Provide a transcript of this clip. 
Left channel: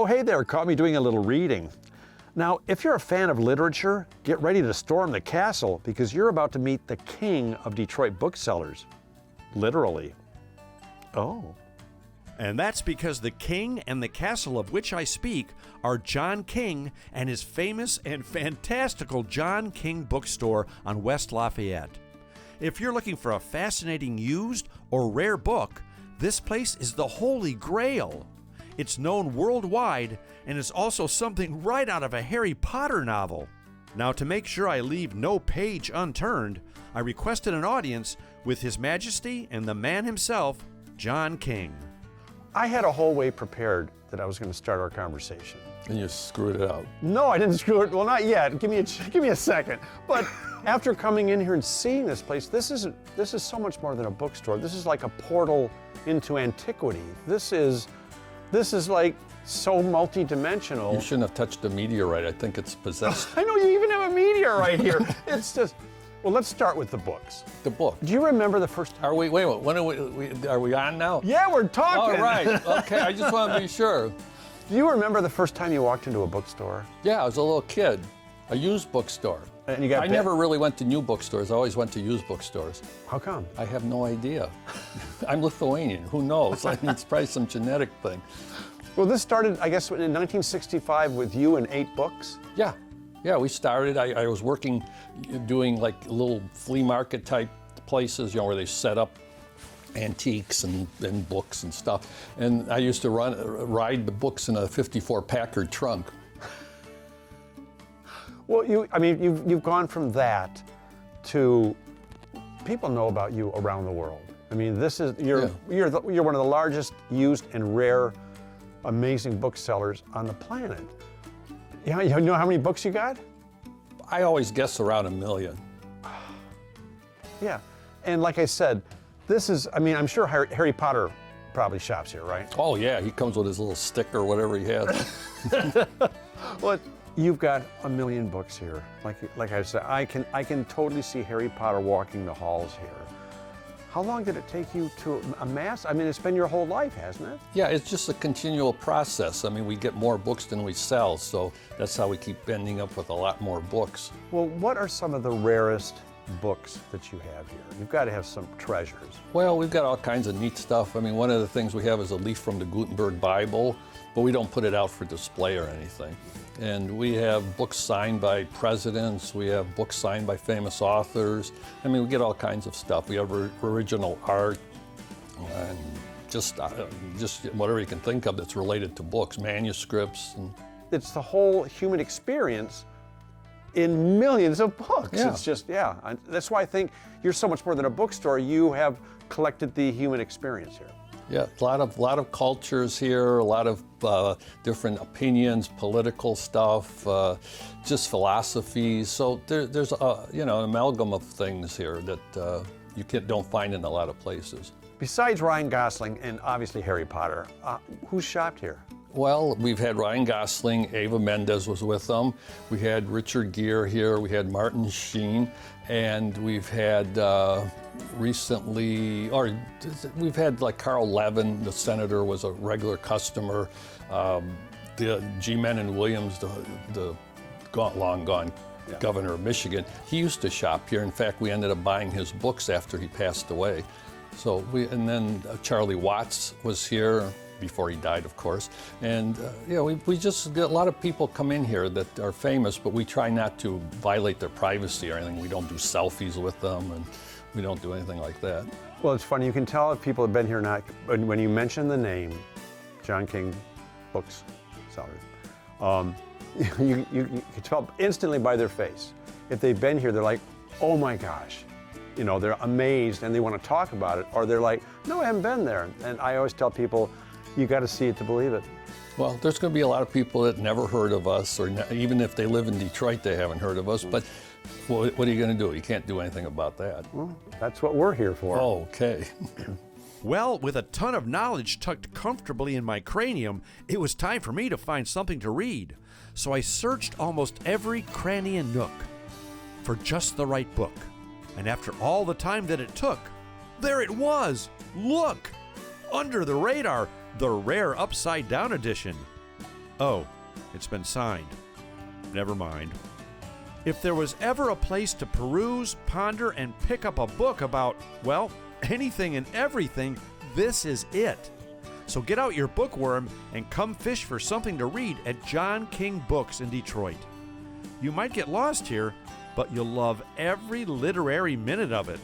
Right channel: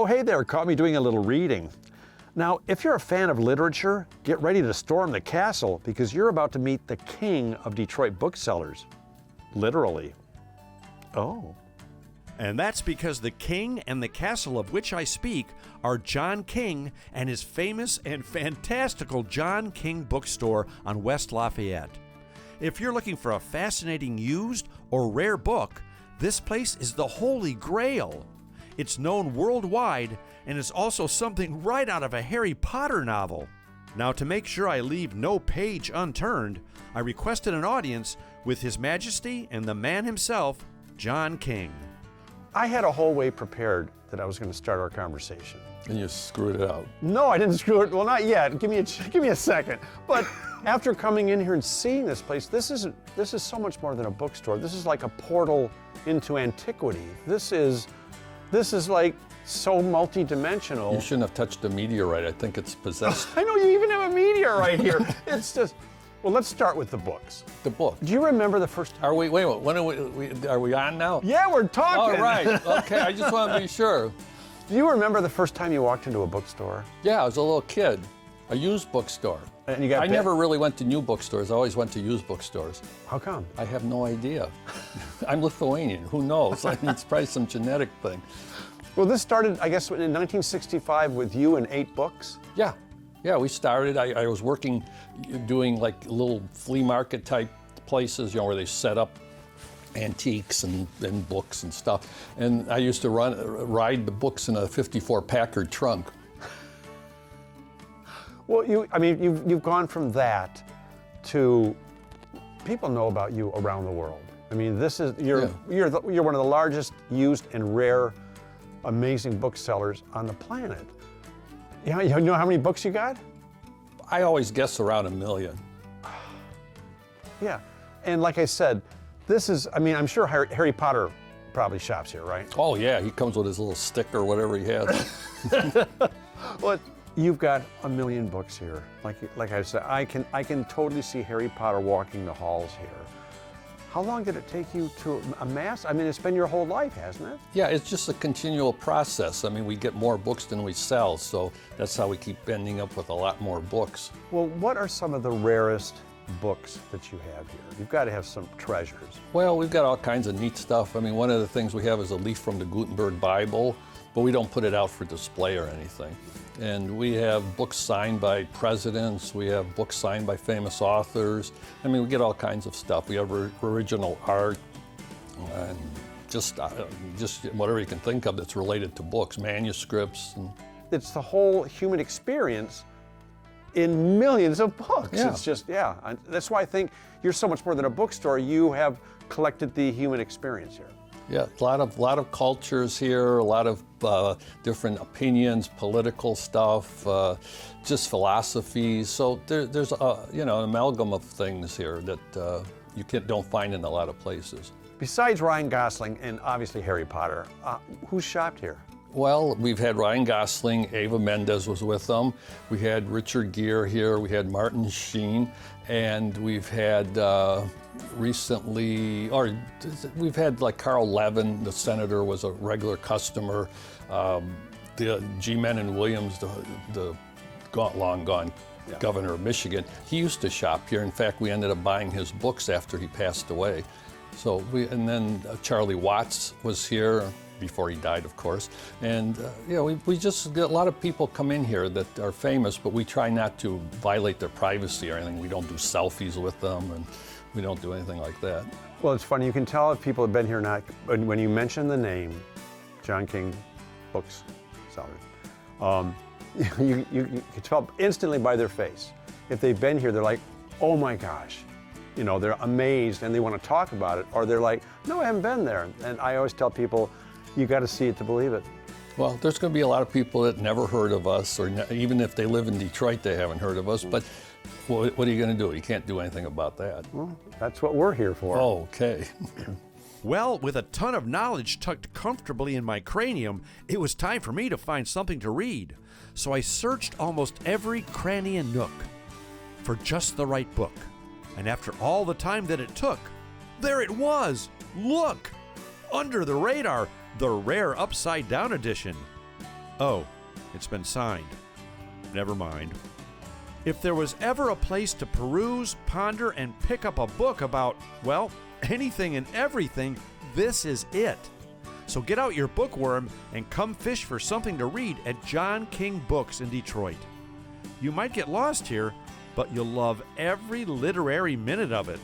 Oh, hey there, caught me doing a little reading. Now, if you're a fan of literature, get ready to storm the castle because you're about to meet the king of Detroit booksellers. Literally. Oh. And that's because the king and the castle of which I speak are John King and his famous and fantastical John King Bookstore on West Lafayette. If you're looking for a fascinating used or rare book, this place is the Holy Grail. It's known worldwide and is also something right out of a Harry Potter novel. Now, to make sure I leave no page unturned, I requested an audience with His Majesty and the man himself, John King. I had a whole way prepared that I was going to start our conversation. And you screwed it up. No, I didn't screw it. Well, not yet. Give me a second. But after coming in here and seeing this place, this is so much more than a bookstore. This is like a portal into antiquity. This is like so multi-dimensional. You shouldn't have touched a meteorite. I think it's possessed. I know you even have a meteorite here. It's just, well, let's start with the books. The book. Do you remember the first? Are we? Wait a minute. When are we on now? Yeah, we're talking. All right. Okay. I just want to be sure. Do you remember the first time you walked into a bookstore? Yeah, I was a little kid. A used bookstore. And you got I never really went to new bookstores. I always went to used bookstores. How come? I have no idea. I'm Lithuanian. Who knows? It's probably some genetic thing. Well, this started, I guess, in 1965 with you and 8 books. Yeah. We started. I was working, doing like little flea market type places, where they set up antiques and books and stuff. And I used to ride the books in a 54 Packard trunk. Well, you've gone from that to people know about you around the world. I mean, you're one of the largest used and rare, amazing booksellers on the planet. You know how many books you got? I always guess around 1 million. Yeah, and like I said, I'm sure Harry Potter probably shops here, right? Oh yeah, he comes with his little stick or whatever he has. Well, you've got 1 million books here. Like I said, I can totally see Harry Potter walking the halls here. How long did it take you to amass? I mean, it's been your whole life, hasn't it? Yeah, it's just a continual process. I mean, we get more books than we sell, so that's how we keep ending up with a lot more books. Well, what are some of the rarest books that you have here? You've got to have some treasures. Well, we've got all kinds of neat stuff. I mean, one of the things we have is a leaf from the Gutenberg Bible, but we don't put it out for display or anything. And we have books signed by presidents. We have books signed by famous authors. I mean, we get all kinds of stuff. We have original art, and just whatever you can think of that's related to books, manuscripts. It's the whole human experience in millions of books. Yeah. It's just, that's why I think you're so much more than a bookstore. You have collected the human experience here. Yeah, a lot of cultures here, a lot of different opinions, political stuff, just philosophies. So there's an amalgam of things here that you don't find in a lot of places. Besides Ryan Gosling and obviously Harry Potter, who's shopped here? Well, we've had Ryan Gosling, Eva Mendes was with them. We had Richard Gere here. We had Martin Sheen, and we've had. We've had like Carl Levin, the senator, was a regular customer. The G. Menon Williams, the long gone governor of Michigan, he used to shop here. In fact, we ended up buying his books after he passed away. So and then Charlie Watts was here before he died, of course. And we just get a lot of people come in here that are famous, but we try not to violate their privacy or anything. We don't do selfies with them, and we don't do anything like that. Well, it's funny. You can tell if people have been here or not when you mention the name John King Bookstore. You can tell instantly by their face. If they've been here, they're like, oh my gosh. They're amazed and they want to talk about it. Or they're like, no, I haven't been there. And I always tell people, you got to see it to believe it. Well, there's going to be a lot of people that never heard of us, or even if they live in Detroit, they haven't heard of us. But what are you going to do? You can't do anything about that. Well, that's what we're here for. Oh, okay. Well, with a ton of knowledge tucked comfortably in my cranium, it was time for me to find something to read. So I searched almost every cranny and nook for just the right book. And after all the time that it took, there it was! Look! Under the Radar, the rare upside-down edition. Oh, it's been signed. Never mind. If there was ever a place to peruse, ponder, and pick up a book about, well, anything and everything, this is it. So get out your bookworm and come fish for something to read at John King Books in Detroit. You might get lost here, but you'll love every literary minute of it.